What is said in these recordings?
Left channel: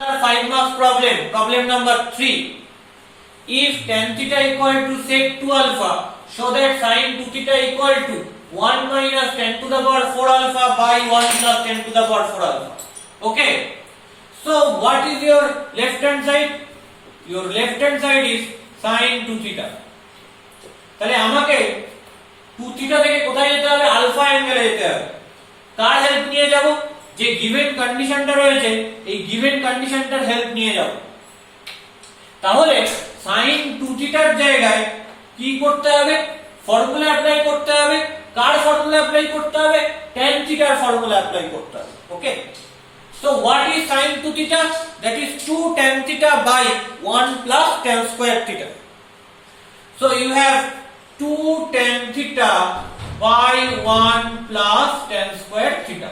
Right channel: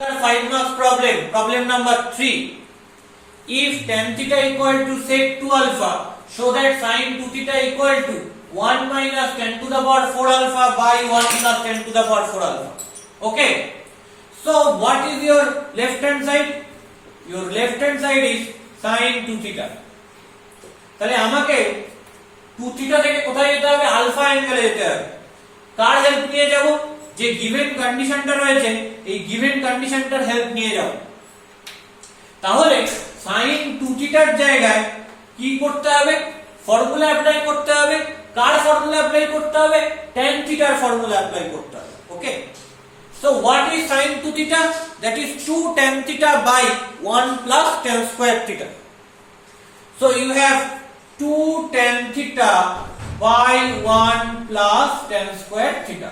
5 marks problem. Problem number 3. If tan theta equal to sec 2 alpha, show that sin 2 theta equal to 1 minus 10 to the power 4 alpha by 1 plus 10 to the power 4 alpha. Okay. So what is your left hand side? Your left hand side is sin 2 theta. তাহলে আমাকে 2 theta থেকে কোথায় যেতে হবে? Alpha অ্যাঙ্গেলে যেতে হবে। কার help নিয়ে যাব? যে গিভেন কন্ডিশনটা রয়েছে এই গিভেন কন্ডিশনটার হেল্প নিয়ে যাব। তাহলে sin 2 থিটার জায়গায় কি করতে হবে? ফর্মুলা অ্যাপ্লাই করতে হবে। কার ফর্মুলা অ্যাপ্লাই করতে হবে? tan থিটার ফর্মুলা অ্যাপ্লাই করতে হবে। ওকে, so what is sin 2 theta? That is 2 tan theta by 1 plus tan square theta. So you have 2 tan theta by 1 plus tan square theta.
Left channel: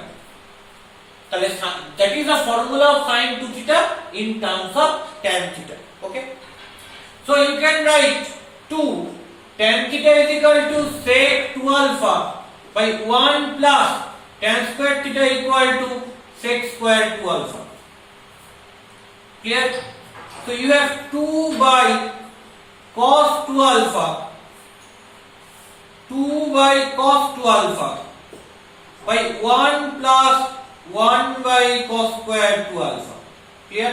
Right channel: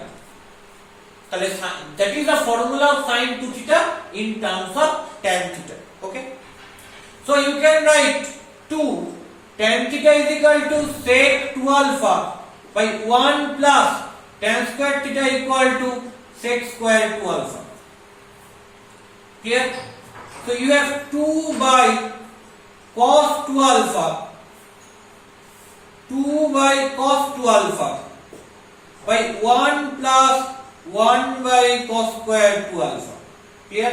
That is the formula of sin 2 theta in terms of tan theta. Okay, so you can write 2 tan theta is equal to sec 2 alpha by 1 plus tan square theta equal to sec square 2 alpha. Clear? So you have 2 by cos 2 alpha, 2 by cos 2 alpha by 1 plus 1 by cos square 2 alpha. Clear?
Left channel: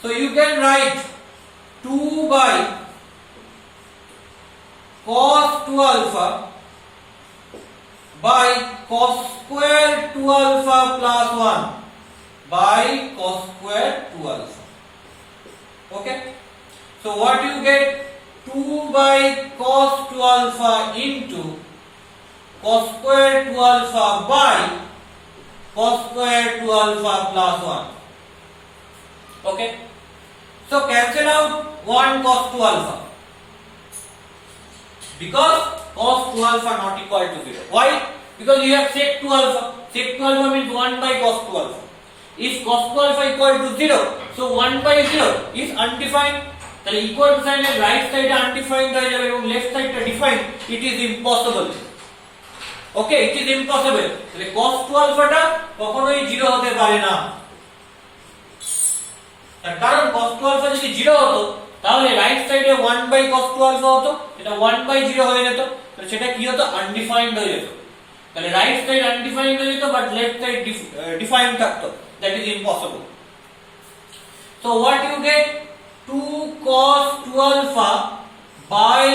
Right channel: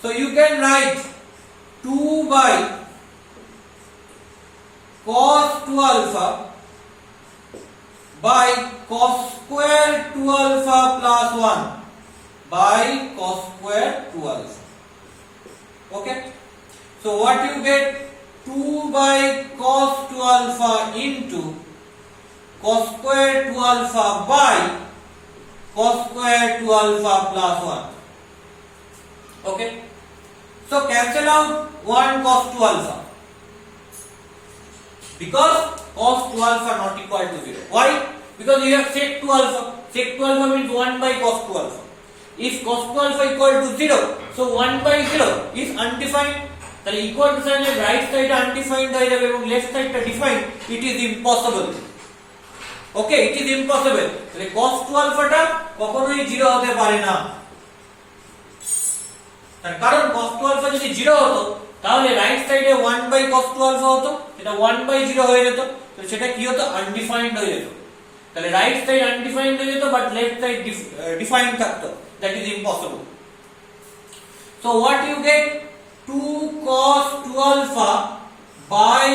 So you can write 2 by cos 2 alpha by cos square 2 alpha plus 1 by cos square 2 alpha. Okay, so what you get? 2 by cos 2 alpha into cos square 2 alpha by cos square 2 alpha plus 1. Okay, so cancel out 1 cos 2 alpha because cos 2 alpha not equal to 0. Why? Because you have sec 2 alpha. Sec 2 alpha means 1 by cos 2 alpha. If cos 2 alpha equal to 0, so 1 by 0 is undefined. তাহলে equal to sign এর right side undefined হয়ে যাবে এবং left side টা defined. It is impossible. Okay, it is impossible. তাহলে cos 2 alpha টা কখনোই 0 হতে পারে না। তার কারণ cos 2 alpha যদি 0 হতো তাহলে রাইট সাইডে 1 বাই cos 2 alpha হতো, এটা 1 বাই 0 হয়ে যেত, তাহলে সেটা কি হতো? আনডিফাইন্ড হয়ে যেত। তাহলে রাইট সাইড আনডিফাইন্ড হয়ে যেত বাট লেফট সাইড ডিফাইন্ড থাকতো। That is impossible. So what you get? 2 cos 2 alpha by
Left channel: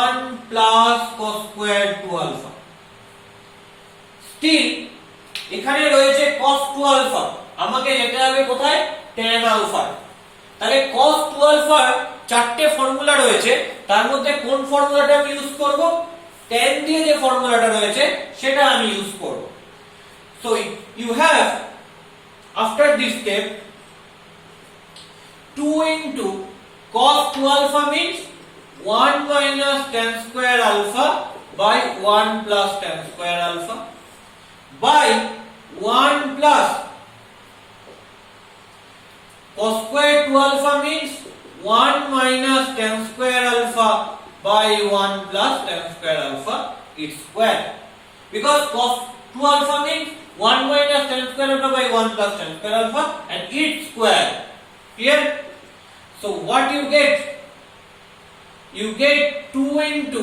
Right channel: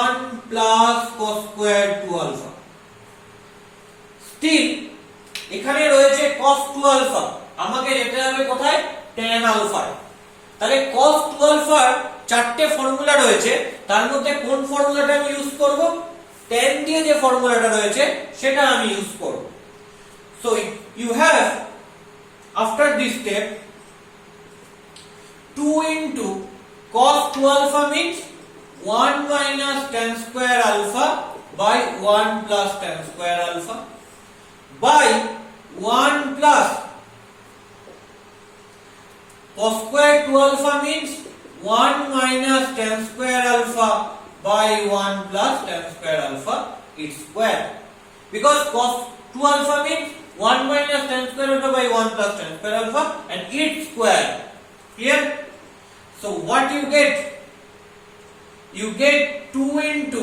1 plus cos square 2 alpha. Still এখানে রয়েছে cos 2 alpha, আমাকে যেতে হবে কোথায়? tan alpha। তাহলে cos 2 alpha চারটে ফর্মুলা রয়েছে, তার মধ্যে কোন ফর্মুলাটা আমি ইউজ করব? tan দিয়ে যে ফর্মুলাটা রয়েছে সেটা আমি ইউজ করব। So you have after this step 2 into cos 2 alpha means 1 minus tan square alpha by 1 plus tan square alpha by 1 plus cos square 2 alpha means 1 minus tan square alpha by 1 plus tan square alpha its square, because cos 2 alpha means 1 minus tan square alpha by 1 plus tan square alpha and its square. Clear? So what you get? You get 2 into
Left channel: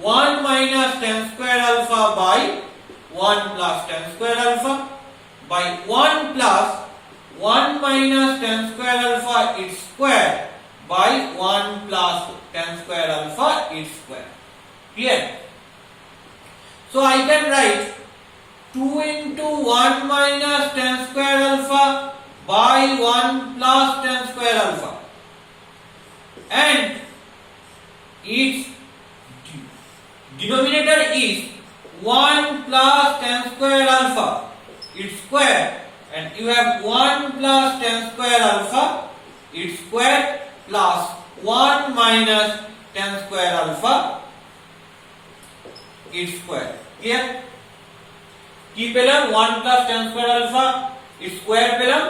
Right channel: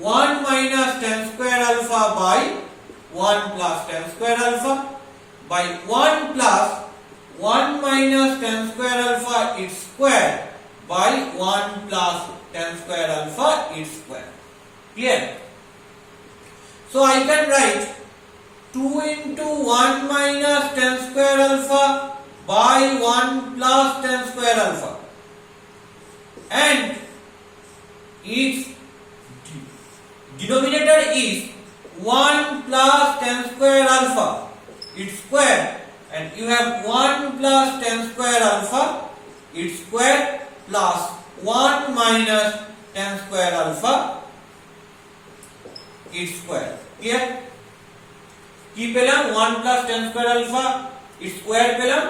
1 minus tan square alpha by 1 plus tan square alpha by 1 plus 1 minus tan square alpha its square by 1 plus tan square alpha its square. Clear? So I can write 2 into 1 minus tan square alpha by 1 plus tan square alpha and its denominator is 1 plus tan square alpha its square, and you have 1 plus tan square alpha its square plus 1 minus tan square alpha its square. Clear? কি পেলাম? 1 plus tan square alpha its square পেলাম,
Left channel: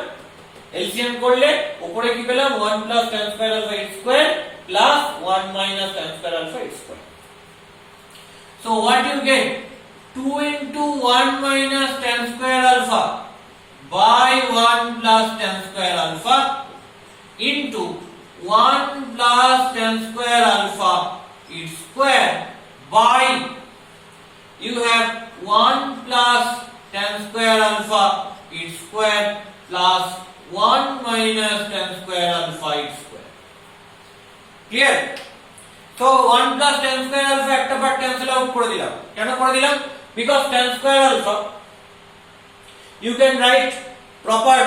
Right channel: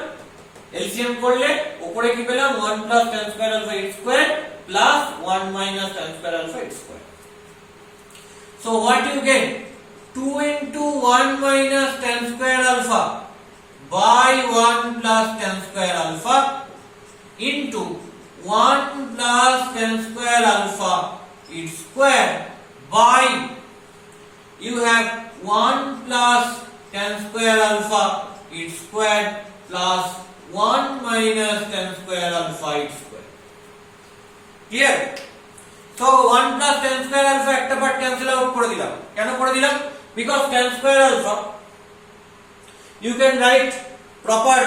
LCM করলে উপরে কি পেলাম? 1 plus tan square alpha its square plus 1 minus tan square alpha its square. So what you get? 2 into 1 minus tan square alpha by 1 plus tan square alpha into 1 plus tan square alpha its square by you have 1 plus tan square alpha its square plus 1 minus tan square alpha its square. Clear? So 1 plus tan square alpha একটা part cancel out করে দিলাম। কেন করে দিলাম? Because tan square alpha you can write proper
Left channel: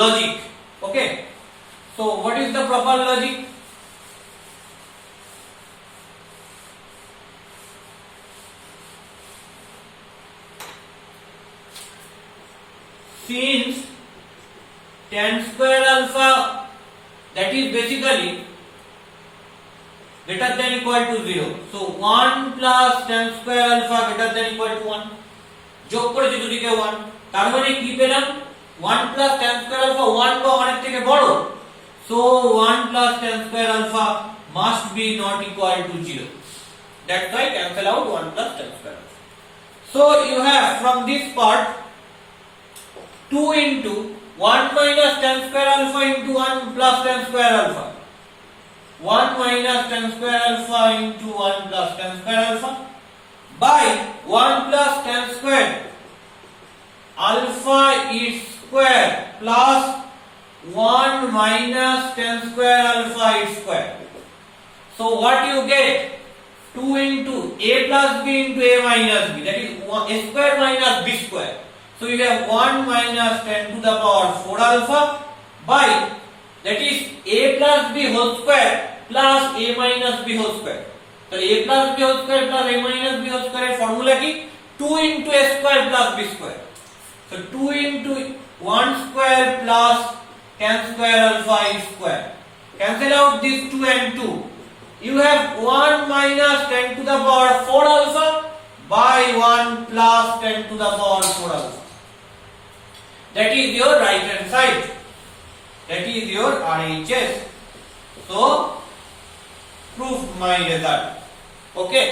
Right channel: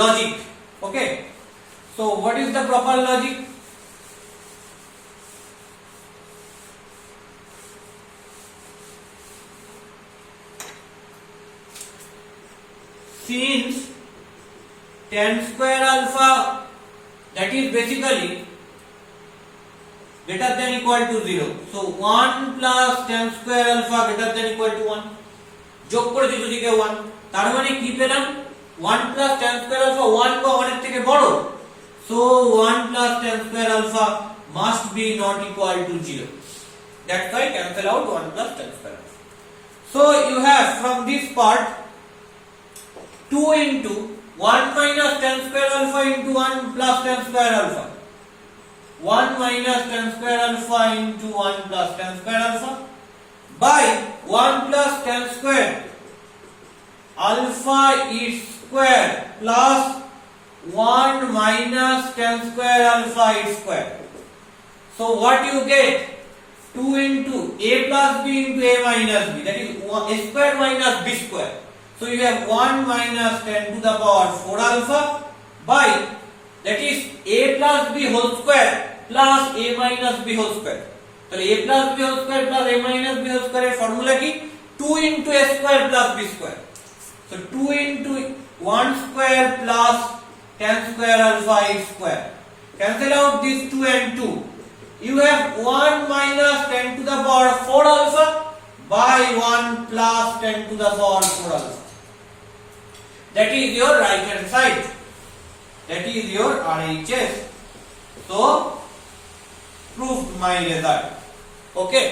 logic. Okay? So what is the proper logic? Since tan square alpha, that is basically greater than equal to 0. So 1 plus tan square alpha greater than equal to 1. যোগ করেছি দুদিকে 1, তার মানে কি পেলাম? 1 plus tan square alpha 1 বা 1 এর থেকে বড়। So 1 plus tan square alpha must be not equal to 0. That's why cancel out 1 plus tan square alpha. So you have from this part 2 into 1 minus tan square alpha into 1 plus tan square alpha. 1 minus tan square alpha into 1 plus tan square alpha by 1 plus tan square alpha its square plus 1 minus tan square alpha its square. So what you get? 2 into a plus b into a minus b, that is a square minus b square. So you have 1 minus 10 to the power 4 alpha by, that is a plus b whole square plus a minus b whole square. So a plus b whole square plus a minus b whole square formula ki 2 into a square plus b square. So 2 into 1 square plus tan square alpha its square. Cancel out this 2 and 2. You have 1 minus 10 to the power 4 alpha by 1 plus 10 to the power 4 alpha. That is your right hand side. That is your RHS. So proved my result. Okay.